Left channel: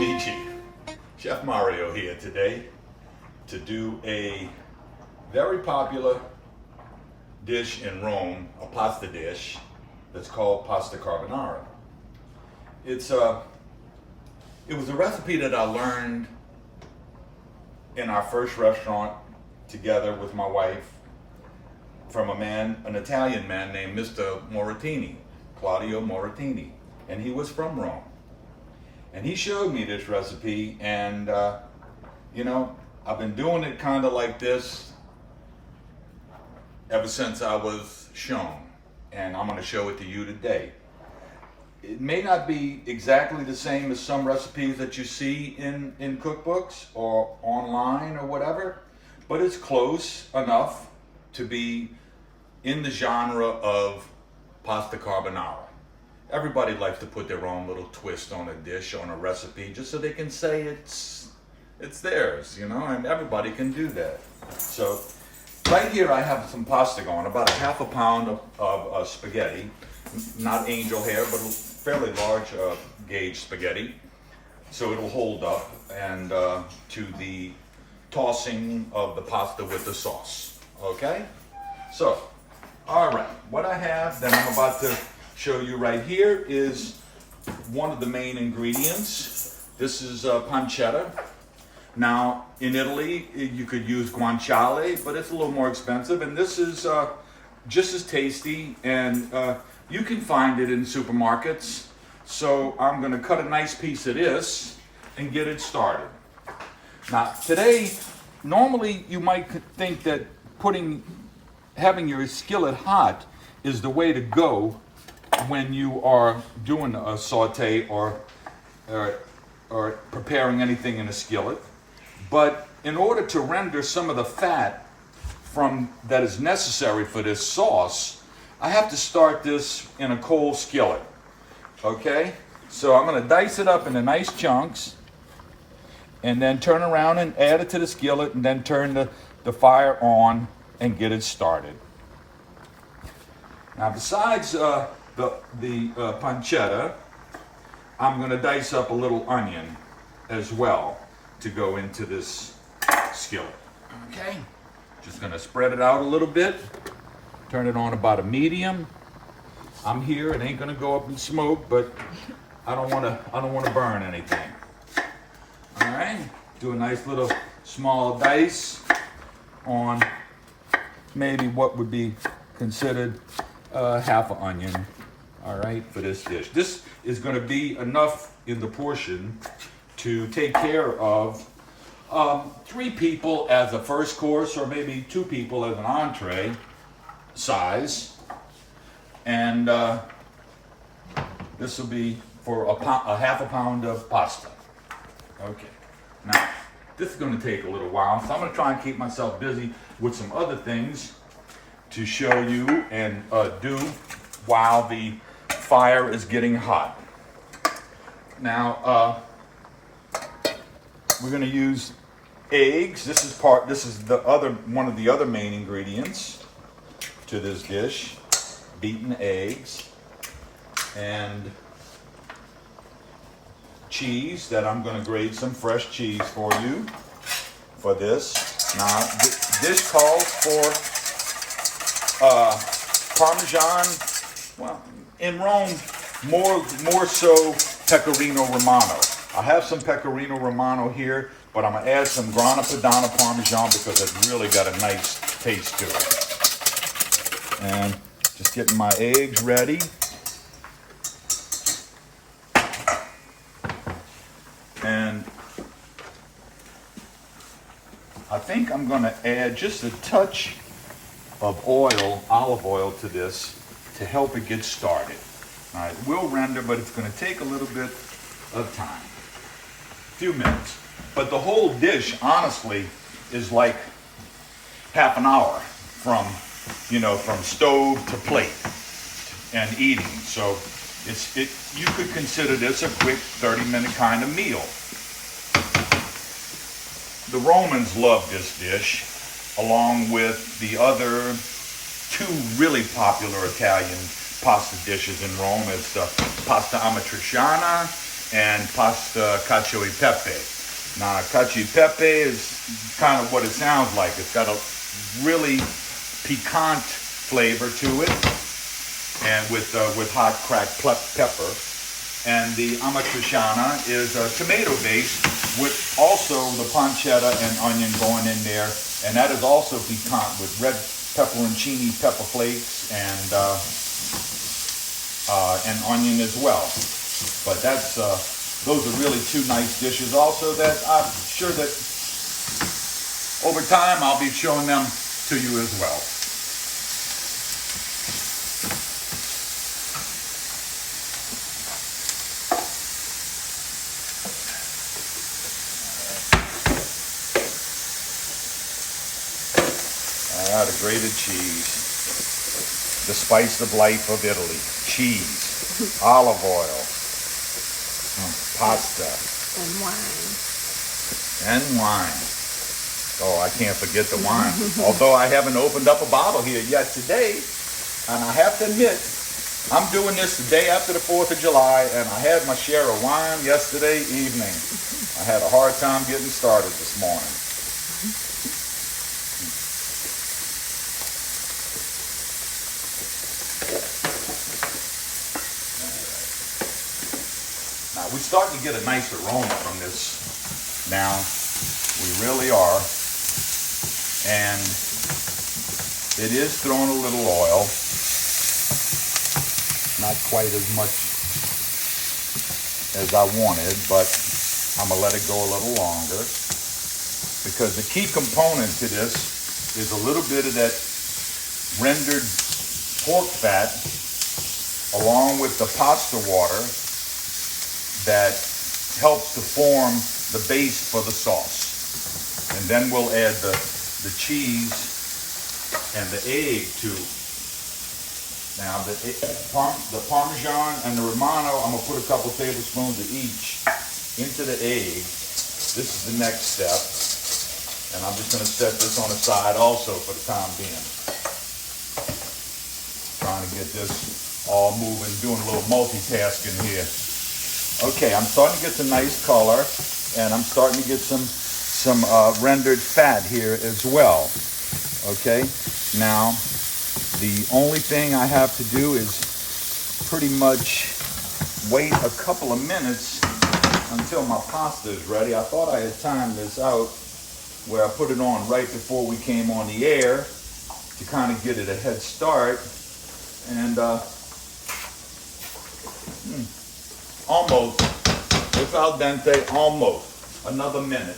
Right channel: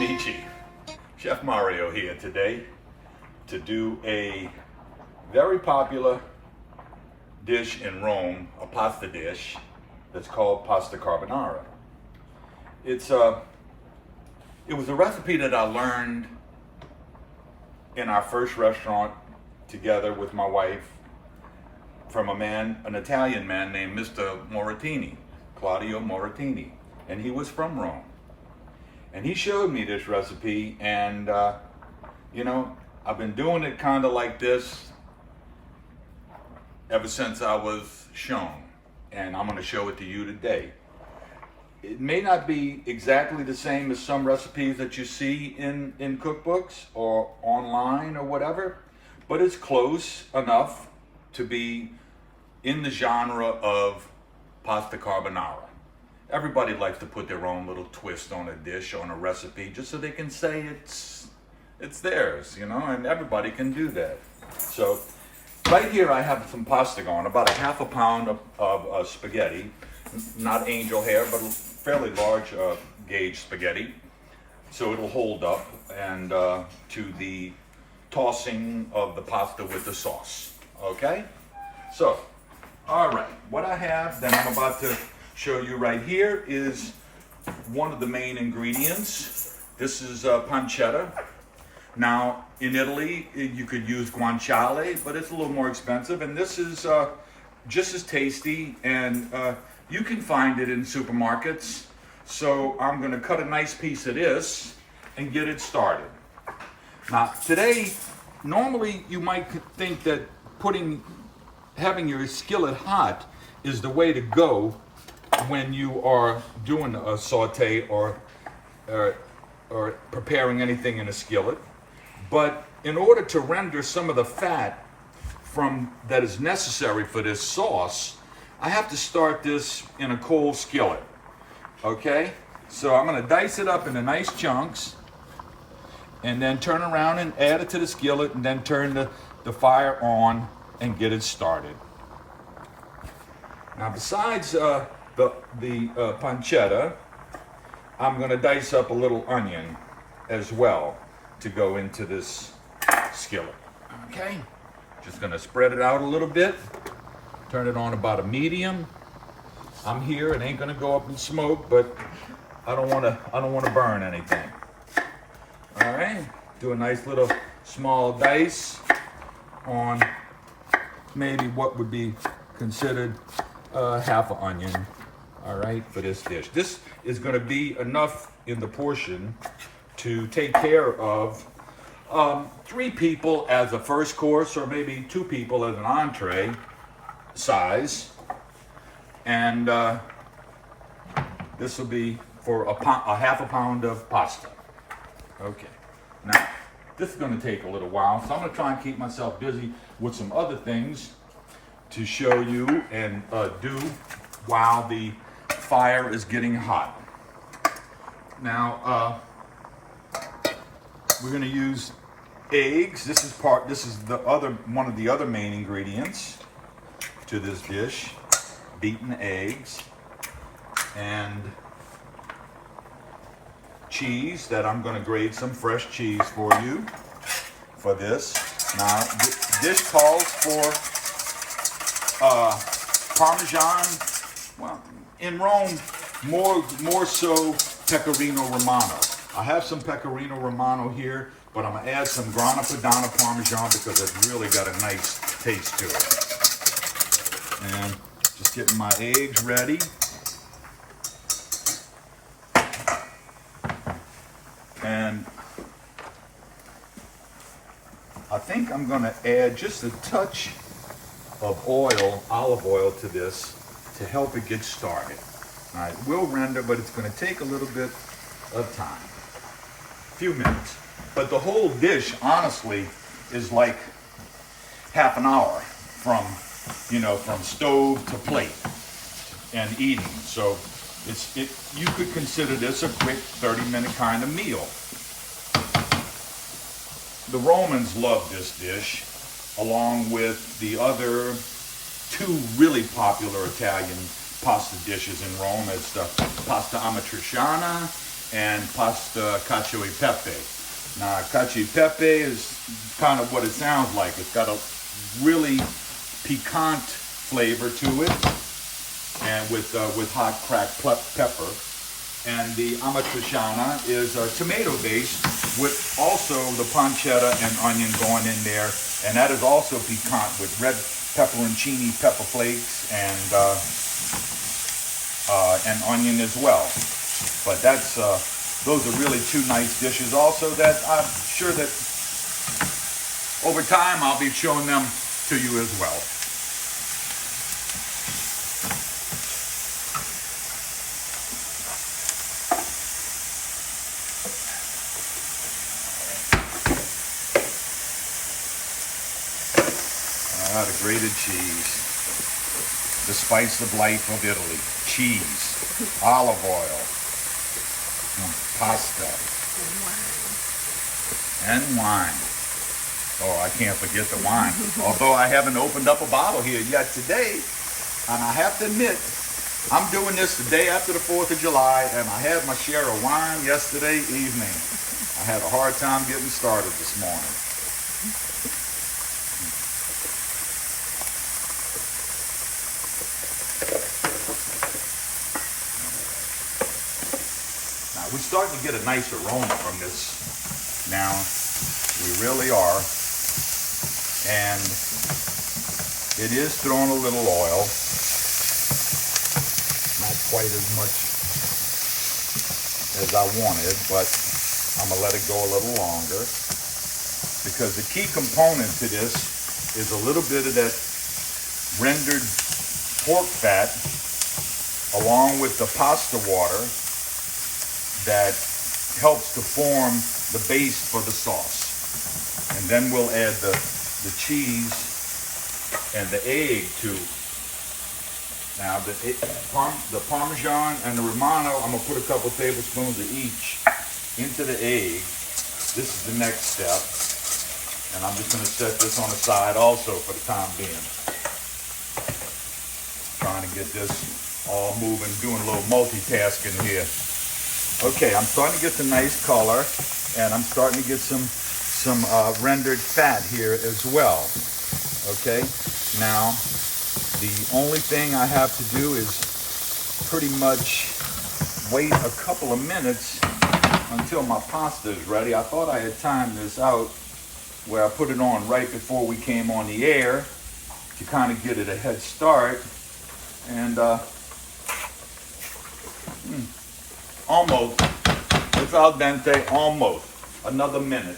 amici, Chef Mario here today to do a very popular dish in Rome, a pasta dish that's called Pasta Carbonara. It was a recipe that I learned in our first restaurant together with my wife from an Italian man named Mr. Moratini, Claudio Moratini, and he was from Rome. And he showed me this recipe, and you know, I've been doing it kind of like this ever since I was shown, and I'm going to show it to you today. It may not be exactly the same as some recipes that you see in cookbooks or online or whatever, but it's close enough to be in the genre of pasta carbonara. Everybody likes to put their own little twist on a dish, on a recipe, just so they can say it's theirs, you know, and everybody can do that. So right here I have some pasta going, about a half a pound of spaghetti, not angel hair, but fairly large gauge spaghetti, so it'll hold up and to the tossing of the pasta with the sauce. Okay, so all right, what I have that I'm about to show you right here is one of the main ingredients. This is pancetta. Now in Italy you could use guanciale, but it's a little more expensive, and this is just as tasty, and you can find it in supermarkets. So I'm going to cut a nice piece of this and get it started. Now today, normally you might think that having your skillet hot is the way to go when you are doing a saute or preparing anything in a skillet. But in order to render some of the fat that is necessary for this sauce, I have to start this in a cold skillet. Okay, so I'm going to dice it up into nice chunks and then turn around and add it to the skillet, and then turn the fire on and get it started. Now besides the pancetta, I'm going to dice up a little onion as well to go into this skillet. Okay, just going to spread it out a little bit, turn it on about a medium. I'm here, it ain't going to go up in smoke, but I don't want to burn anything. All right, do a nice little small dice on maybe what would be considered half an onion, all right, for this dish. This is going to be enough in the portion to take care of 3 people as a first course, or maybe 2 people as an entree size. And this will be for a half a pound of pasta. Okay, now this is going to take a little while, so I'm going to try and keep myself busy with some other things to show you and do while the fire is getting hot. Now we're going to use eggs. This is one of the other main ingredients to this dish. Beaten eggs and cheese that I'm going to grate some fresh cheese for you for this. Now this calls for Parmesan. Well, in Rome, more so Pecorino Romano. I have some Pecorino Romano here, but I'm going to add some Grana Padano Parmesan because it's really got a nice taste to it. And just getting my eggs ready. And I think I'm going to add just a touch of olive oil to this to help it get started. Now, it will render, but it's going to take a little bit of time. A few minutes. But the whole dish, honestly, is like half an hour from stove to plate and eating. So you could consider this a quick 30-minute kind of meal. The Romans loved this dish, along with the other 2 really popular Italian pasta dishes in Rome. It's the pasta amatriciana and pasta cacio e pepe. Now, cacio e pepe is kind of what it sounds like. It's got a really piquant flavor to it, and with hot cracked pepper. And the amatriciana is tomato based with also the pancetta and onion going in there, and that is also piquant with red pepperoncini pepper flakes and onion as well. But that's those are really two nice dishes also that I'm sure that over time I'll be showing them to you as well. The grated cheese, the spice of life of Italy, cheese, olive oil, pasta, and wine. Oh, I can't forget the wine. Although I haven't opened up a bottle here yet today, and I have to admit, I'm doing this the day after the 4th of July, and I had my share of wine yesterday evening. I had a hard time getting started this morning. We're starting to get a nice aroma from this now. We really are. And it is throwing a little oil. Not quite as much as I wanted, but I'm going to let it go a little longer. Because the key component to this is a little bit of that rendered pork fat along with the pasta water that helps to form the base for the sauce. And then we'll add the cheese and the egg too. Now the Parmesan and the Romano, I'm gonna put a couple tablespoons of each into the egg. This is the next step. And I'm just gonna set this on the side also for the time being. Trying to get this all moving, doing a little multitasking here. Okay, I'm starting to get some nice color, and I'm starting to get some rendered fat here as well. Okay, now the only thing I have to do is pretty much wait a couple of minutes until my pasta is ready. I thought I had timed this out where I put it on right before we came on the air to kind of get it a head start, and almost, it's al dente, almost. Another minute.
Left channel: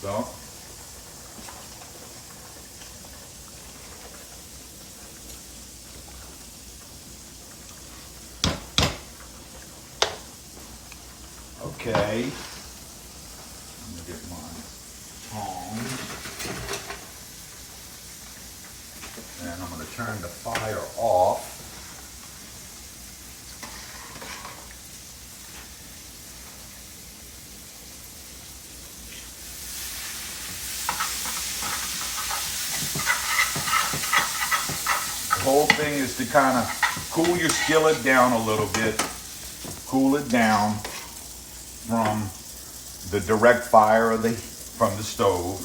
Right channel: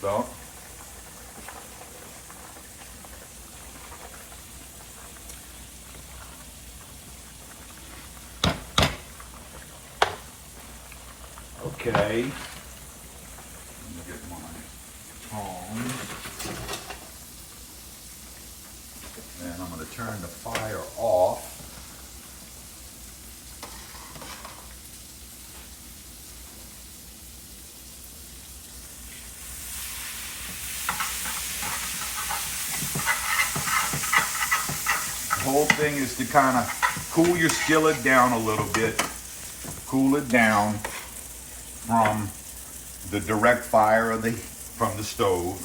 So, okay. Let me get my tongs. And I'm going to turn the fire off. The whole thing is to kind of cool your skillet down a little bit, cool it down from the direct fire from the stove,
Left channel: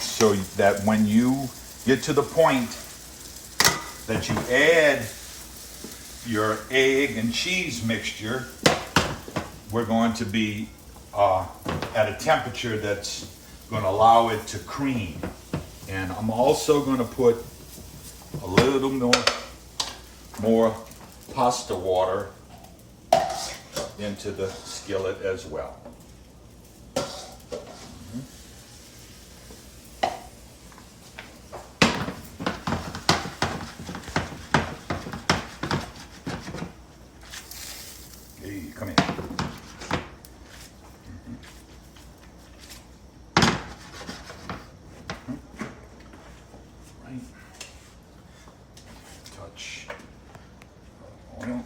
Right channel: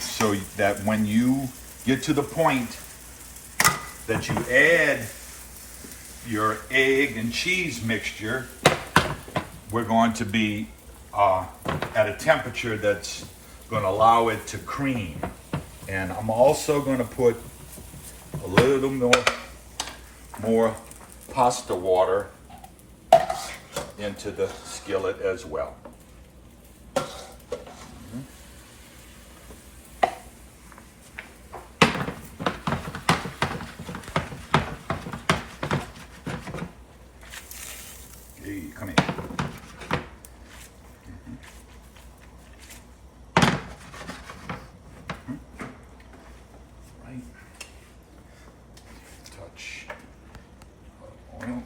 so that when you get to the point that you add your egg and cheese mixture, we're going to be at a temperature that's going to allow it to cream. And I'm also going to put a little more pasta water into the skillet as well. Hey, come here. Right. Touch of oil.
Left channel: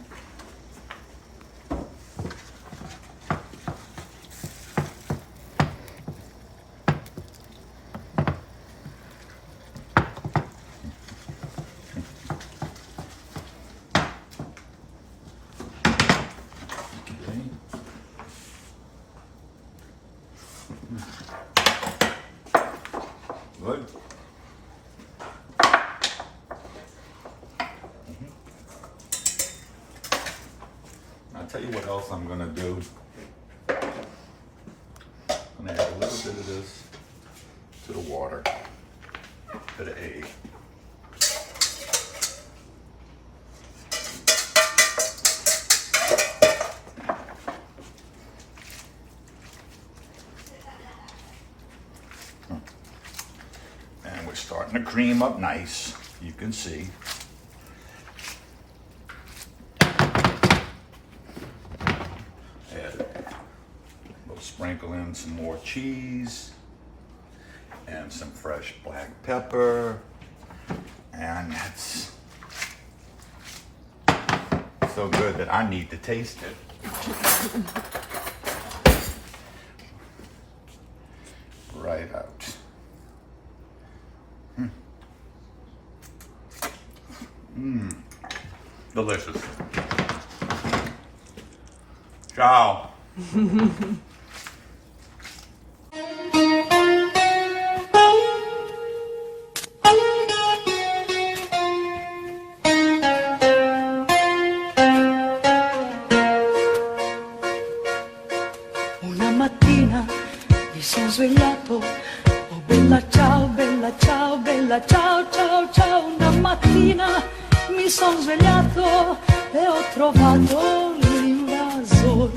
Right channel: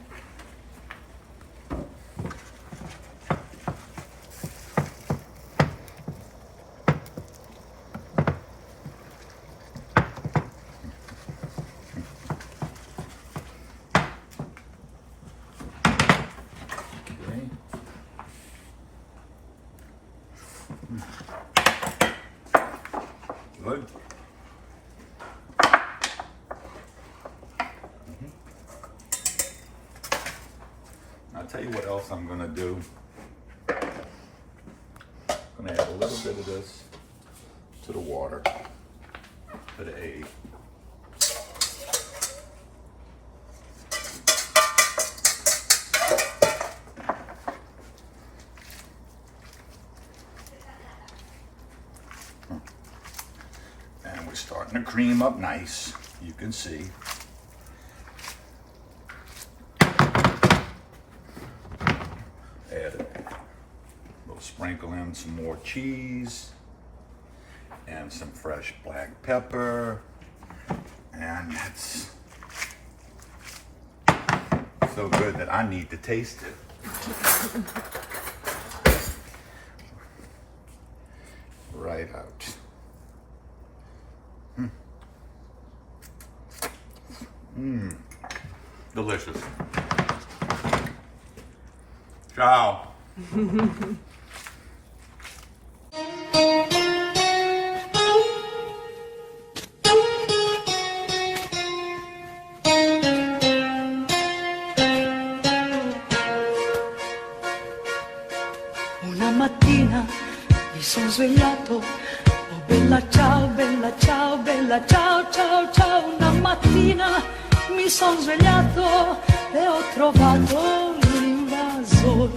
tell you what else I'm gonna do. I'm gonna add a little bit of this to the water, to the egg. And we're starting to cream up nice, you can see. Add a little sprinkle in some more cheese and some fresh black pepper. And it's so good that I need to taste it. Right out. Delicious. Ciao. Una mattina mi sono svegliato, oh bella ciao, bella ciao, bella ciao, ciao, ciao. Una mattina mi sono svegliato e ho trovato l'invasor.